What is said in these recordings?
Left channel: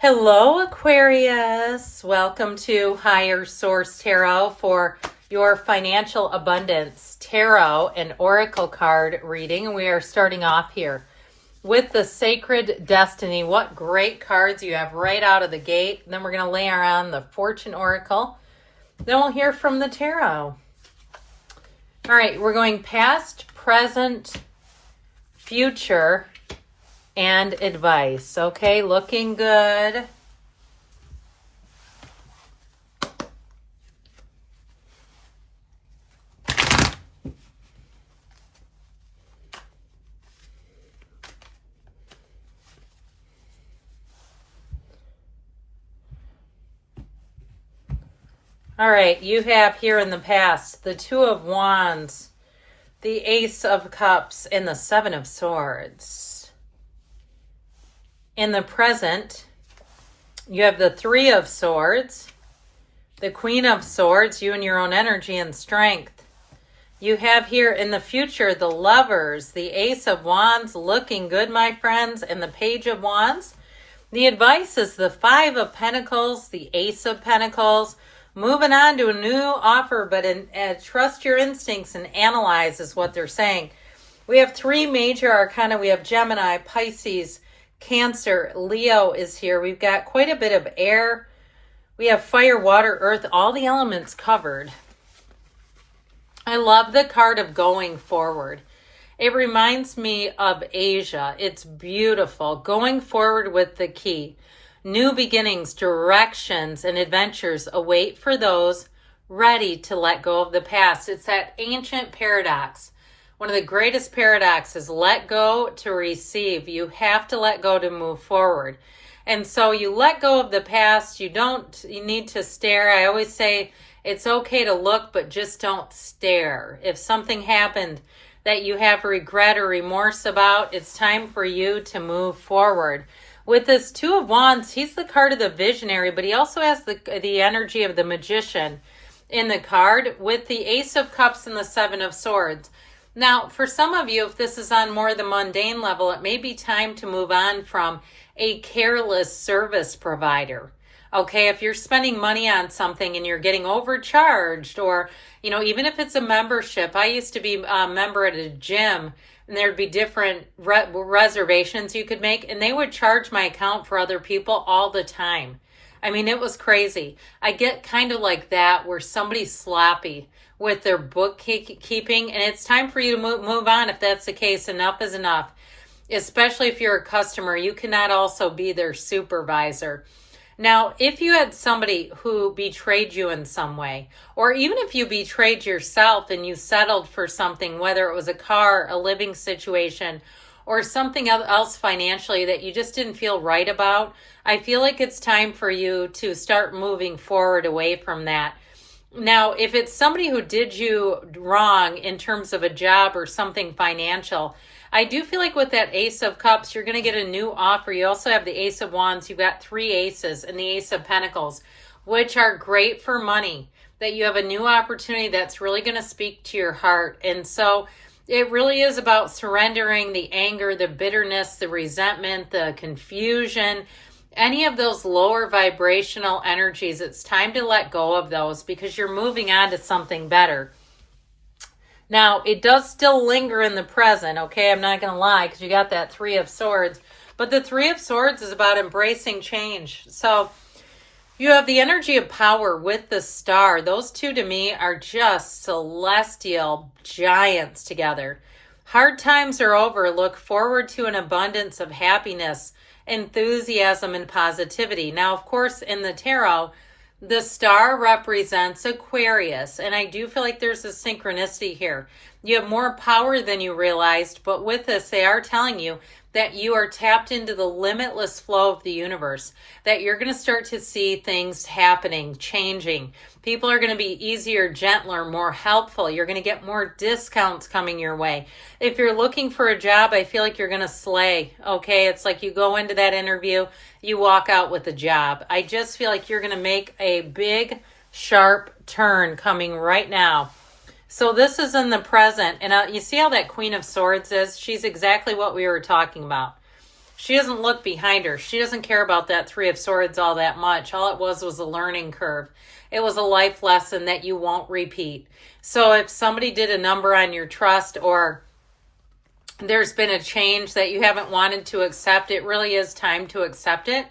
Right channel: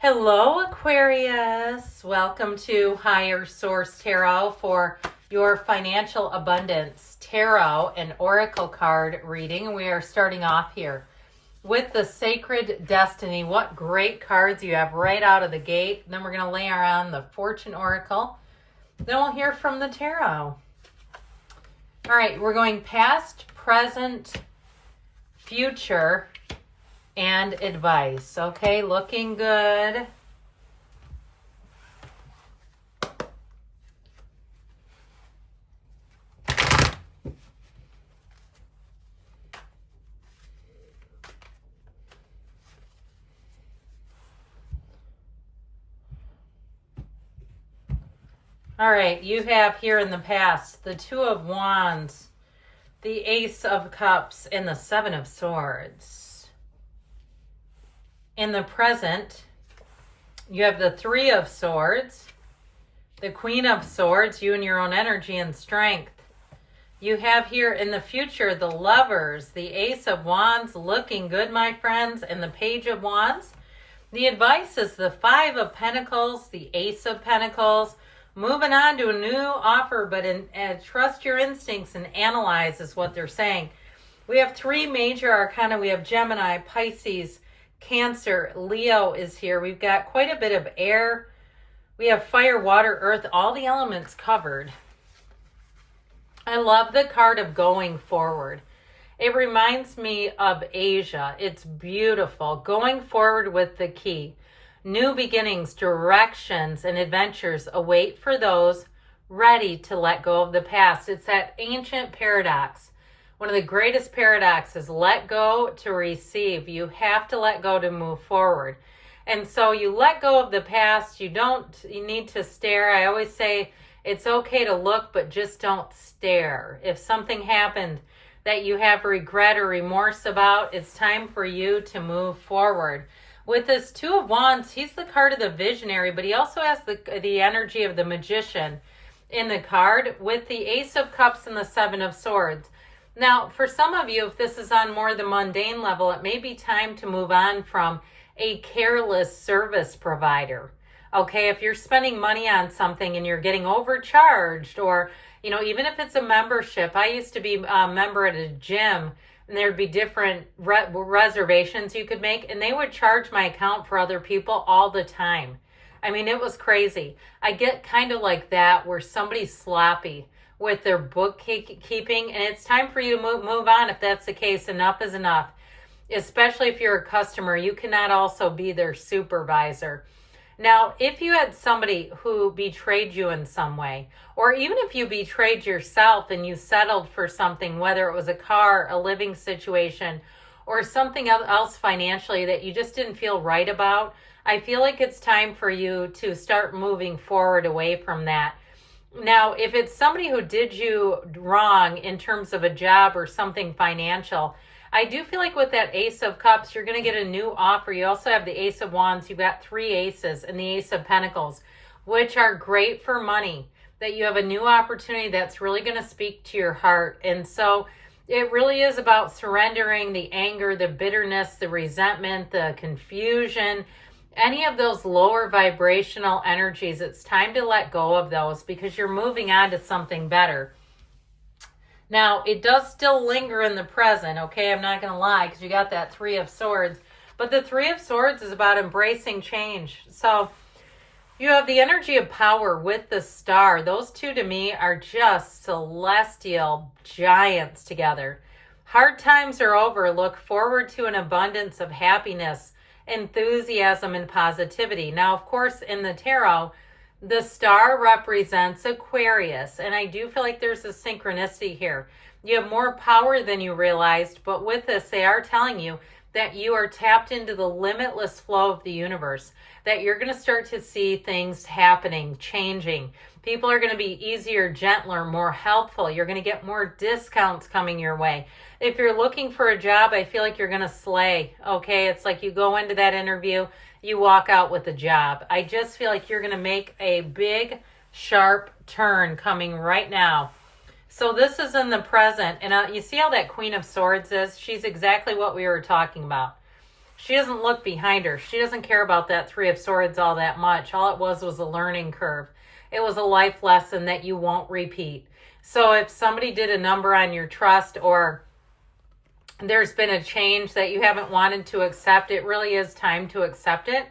Hello, Aquarius. Welcome to Higher Source Tarot for your financial abundance tarot and oracle card reading. We are starting off here with the Sacred Destiny. What great cards you have right out of the gate. Then we're going to layer on the Fortune Oracle. Then we'll hear from the tarot. All right, we're going past, present, future, and advice. Okay, looking good. All right, you have here in the past the Two of Wands, the Ace of Cups, and the Seven of Swords. In the present, you have the Three of Swords, the Queen of Swords, you and your own energy and strength. You have here in the future the Lovers, the Ace of Wands, looking good, my friends, and the Page of Wands. The advice is the Five of Pentacles, the Ace of Pentacles. Moving on to a new offer, but trust your instincts and analyze is what they're saying. We have three major arcana. We have Gemini, Pisces, Cancer, Leo is here. We've got quite a bit of air. We have fire, water, earth, all the elements covered. I love the card of going forward. It reminds me of Asia. It's beautiful. Going forward with the key. New beginnings, directions, and adventures await for those ready to let go of the past. It's that ancient paradox. One of the greatest paradoxes, let go to receive. You have to let go to move forward. And so you let go of the past. You need to stare. I always say it's okay to look, but just don't stare. If something happened that you have regret or remorse about, it's time for you to move forward. With this Two of Wands, he's the card of the visionary, but he also has the energy of the magician in the card with the Ace of Cups and the Seven of Swords. Now, for some of you, if this is on more the mundane level, it may be time to move on from a careless service provider. Okay, if you're spending money on something and you're getting overcharged, or, even if it's a membership. I used to be a member at a gym, and there'd be different reservations you could make, and they would charge my account for other people all the time. I mean, it was crazy. I get kind of like that where somebody's sloppy with their bookkeeping, and it's time for you to move on if that's the case. Enough is enough, especially if you're a customer. You cannot also be their supervisor. Now, if you had somebody who betrayed you in some way, or even if you betrayed yourself and you settled for something, whether it was a car, a living situation, or something else financially that you just didn't feel right about, I feel like it's time for you to start moving forward away from that. Now, if it's somebody who did you wrong in terms of a job or something financial, I do feel like with that Ace of Cups, you're going to get a new offer. You also have the Ace of Wands. You've got three aces and the Ace of Pentacles, which are great for money, that you have a new opportunity that's really going to speak to your heart. And so it really is about surrendering the anger, the bitterness, the resentment, the confusion, any of those lower vibrational energies. It's time to let go of those because you're moving on to something better. Now, it does still linger in the present, okay? I'm not going to lie, because you got that Three of Swords. But the Three of Swords is about embracing change. So you have the energy of power with the Star. Those two, to me, are just celestial giants together. Hard times are over. Look forward to an abundance of happiness, enthusiasm, and positivity. Now, of course, in the tarot, the Star represents Aquarius, and I do feel like there's a synchronicity here. You have more power than you realized, but with this, they are telling you that you are tapped into the limitless flow of the universe, that you're going to start to see things happening, changing. People are going to be easier, gentler, more helpful. You're going to get more discounts coming your way. If you're looking for a job, I feel like you're going to slay, okay? It's like you go into that interview, you walk out with a job. I just feel like you're going to make a big, sharp turn coming right now. So this is in the present. And you see how that Queen of Swords is? She's exactly what we were talking about. She doesn't look behind her. She doesn't care about that Three of Swords all that much. All it was a learning curve. It was a life lesson that you won't repeat. So if somebody did a number on your trust, or there's been a change that you haven't wanted to accept, it really is time to accept it.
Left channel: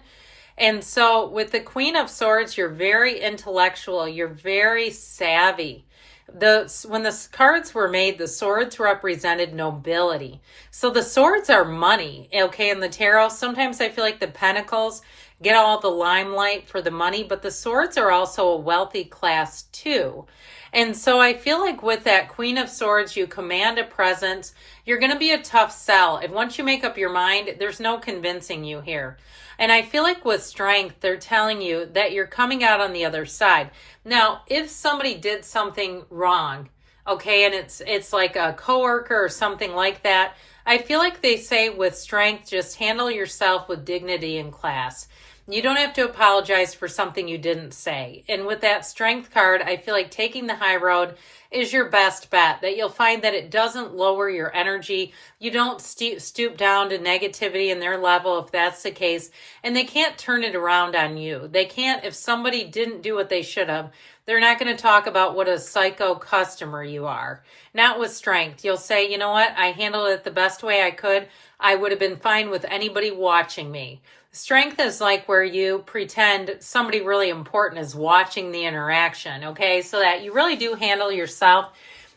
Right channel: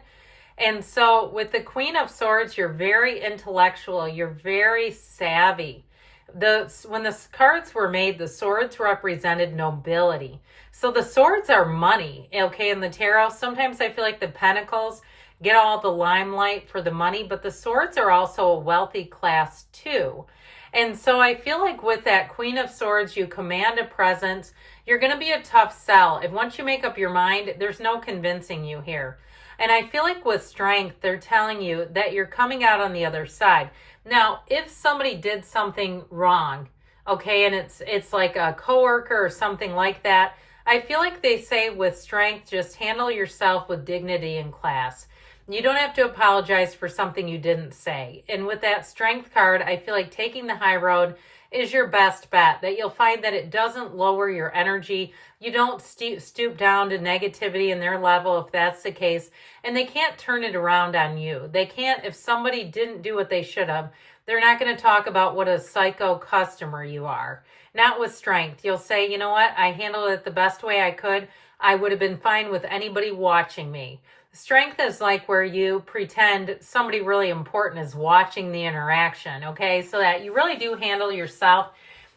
And so with the Queen of Swords, you're very intellectual. You're very savvy. When the cards were made, the swords represented nobility. So the swords are money, okay, in the tarot. Sometimes I feel like the pentacles get all the limelight for the money, but the swords are also a wealthy class too. And so I feel like with that Queen of Swords, you command a presence. You're going to be a tough sell. And once you make up your mind, there's no convincing you here. And I feel like with Strength, they're telling you that you're coming out on the other side. Now, if somebody did something wrong, okay, and it's like a coworker or something like that, I feel like they say with Strength, just handle yourself with dignity and class. You don't have to apologize for something you didn't say. And with that Strength card, I feel like taking the high road is your best bet, that you'll find that it doesn't lower your energy. You don't stoop down to negativity in their level if that's the case. And they can't turn it around on you. They can't, if somebody didn't do what they should have, they're not going to talk about what a psycho customer you are. Not with Strength. You'll say, you know what, I handled it the best way I could. I would have been fine with anybody watching me. Strength is like where you pretend somebody really important is watching the interaction, okay? So that you really do handle yourself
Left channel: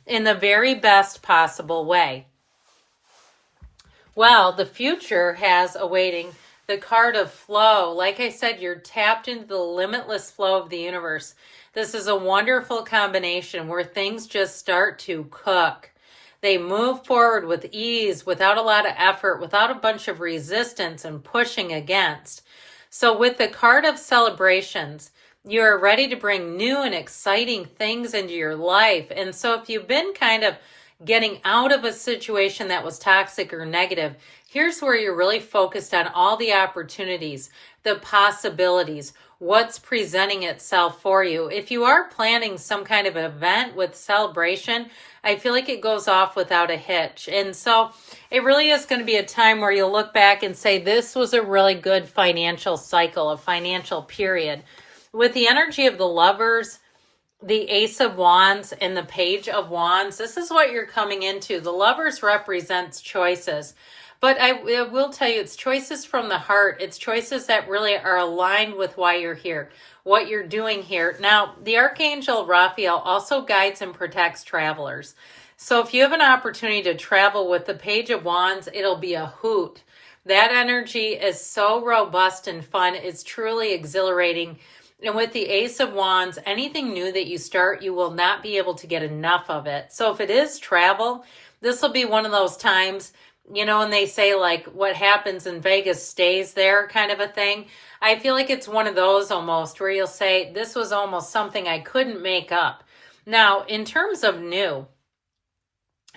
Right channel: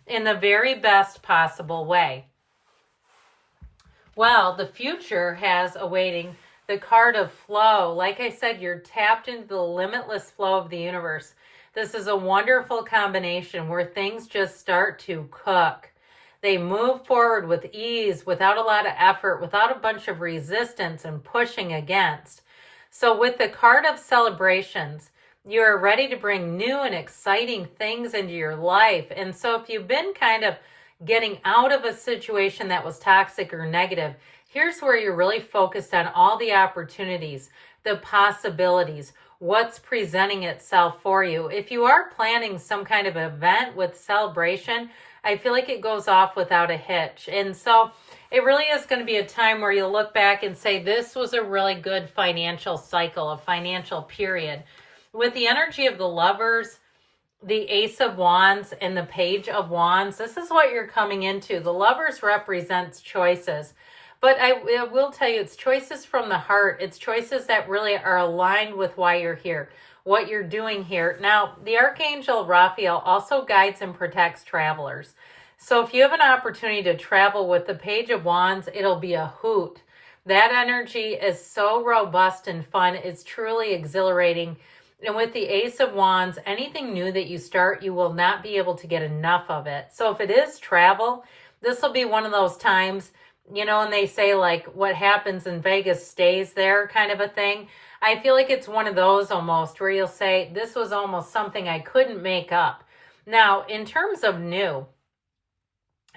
in the very best possible way. Well, the future has awaiting the card of flow. Like I said, you're tapped into the limitless flow of the universe. This is a wonderful combination where things just start to cook. They move forward with ease, without a lot of effort, without a bunch of resistance and pushing against. So with the card of celebrations, you are ready to bring new and exciting things into your life. And so if you've been kind of getting out of a situation that was toxic or negative, here's where you're really focused on all the opportunities, the possibilities, what's presenting itself for you. If you are planning some kind of event with celebration, I feel like it goes off without a hitch. And so it really is going to be a time where you'll look back and say, this was a really good financial cycle, a financial period. With the energy of the Lovers, the Ace of Wands, and the Page of Wands, this is what you're coming into. The Lovers represents choices. But I will tell you, it's choices from the heart. It's choices that really are aligned with why you're here, what you're doing here. Now, the Archangel Raphael also guides and protects travelers. So if you have an opportunity to travel with the Page of Wands, it'll be a hoot. That energy is so robust and fun. It's truly exhilarating. And with the Ace of Wands, anything new that you start, you will not be able to get enough of it. So if it is travel, this will be one of those times, you know, and they say like what happens in Vegas stays there kind of a thing. I feel like it's one of those almost where you'll say, this was almost something I couldn't make up. Now, in terms of new,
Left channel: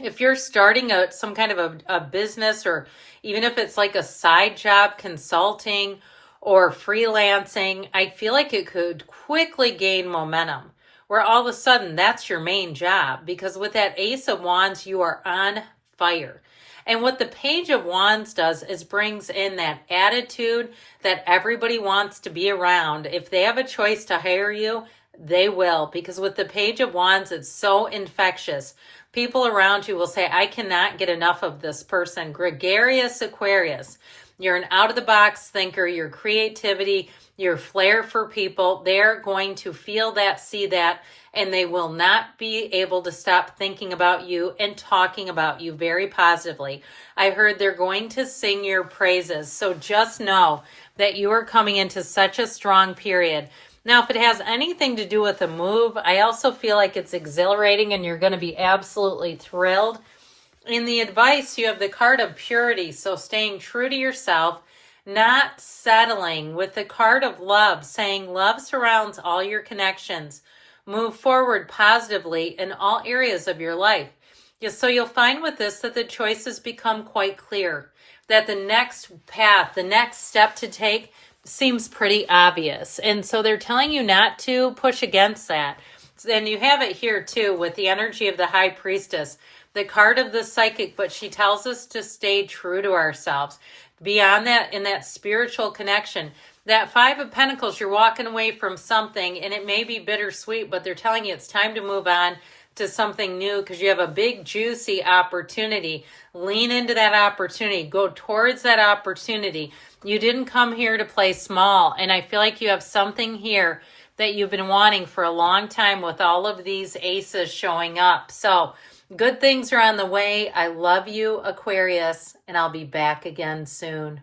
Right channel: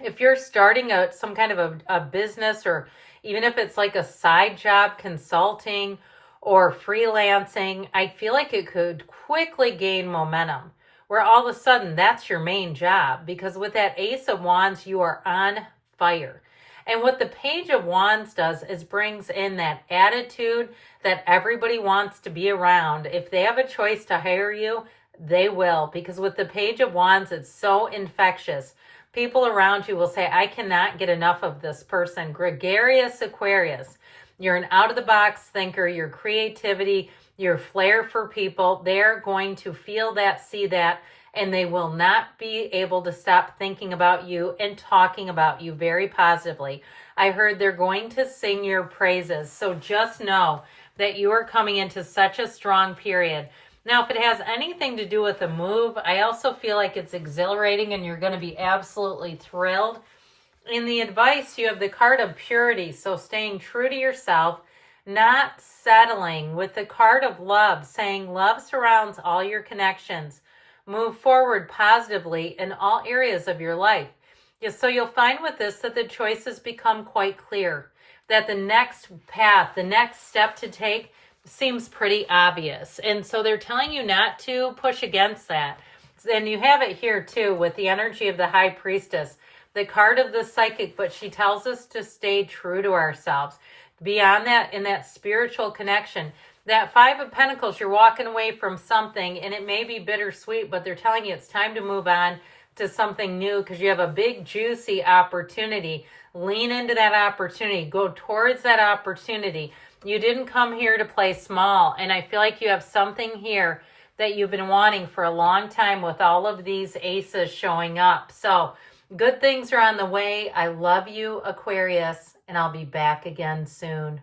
if you're starting some kind of a business, or even if it's like a side job, consulting or freelancing, I feel like it could quickly gain momentum where all of a sudden that's your main job, because with that Ace of Wands, you are on fire. And what the Page of Wands does is brings in that attitude that everybody wants to be around. If they have a choice to hire you, they will. Because with the Page of Wands, it's so infectious. People around you will say, I cannot get enough of this person. Gregarious Aquarius. You're an out-of-the-box thinker. Your creativity, your flair for people, they're going to feel that, see that, and they will not be able to stop thinking about you and talking about you very positively. I heard they're going to sing your praises. So just know that you are coming into such a strong period. Now, if it has anything to do with a move, I also feel like it's exhilarating and you're going to be absolutely thrilled. In the advice, you have the card of purity. So staying true to yourself, not settling. With the card of love, saying love surrounds all your connections. Move forward positively in all areas of your life. So you'll find with this that the choices become quite clear, that the next path, the next step to take seems pretty obvious. And so they're telling you not to push against that. And you have it here too with the energy of the High Priestess, the card of the psychic, but she tells us to stay true to ourselves. beyond that, in that spiritual connection. That Five of Pentacles, you're walking away from something, and it may be bittersweet, but they're telling you it's time to move on to something new because you have a big, juicy opportunity. Lean into that opportunity. Go towards that opportunity. You didn't come here to play small, and I feel like you have something here that you've been wanting for a long time with all of these aces showing up. So good things are on the way. I love you, Aquarius, and I'll be back again soon.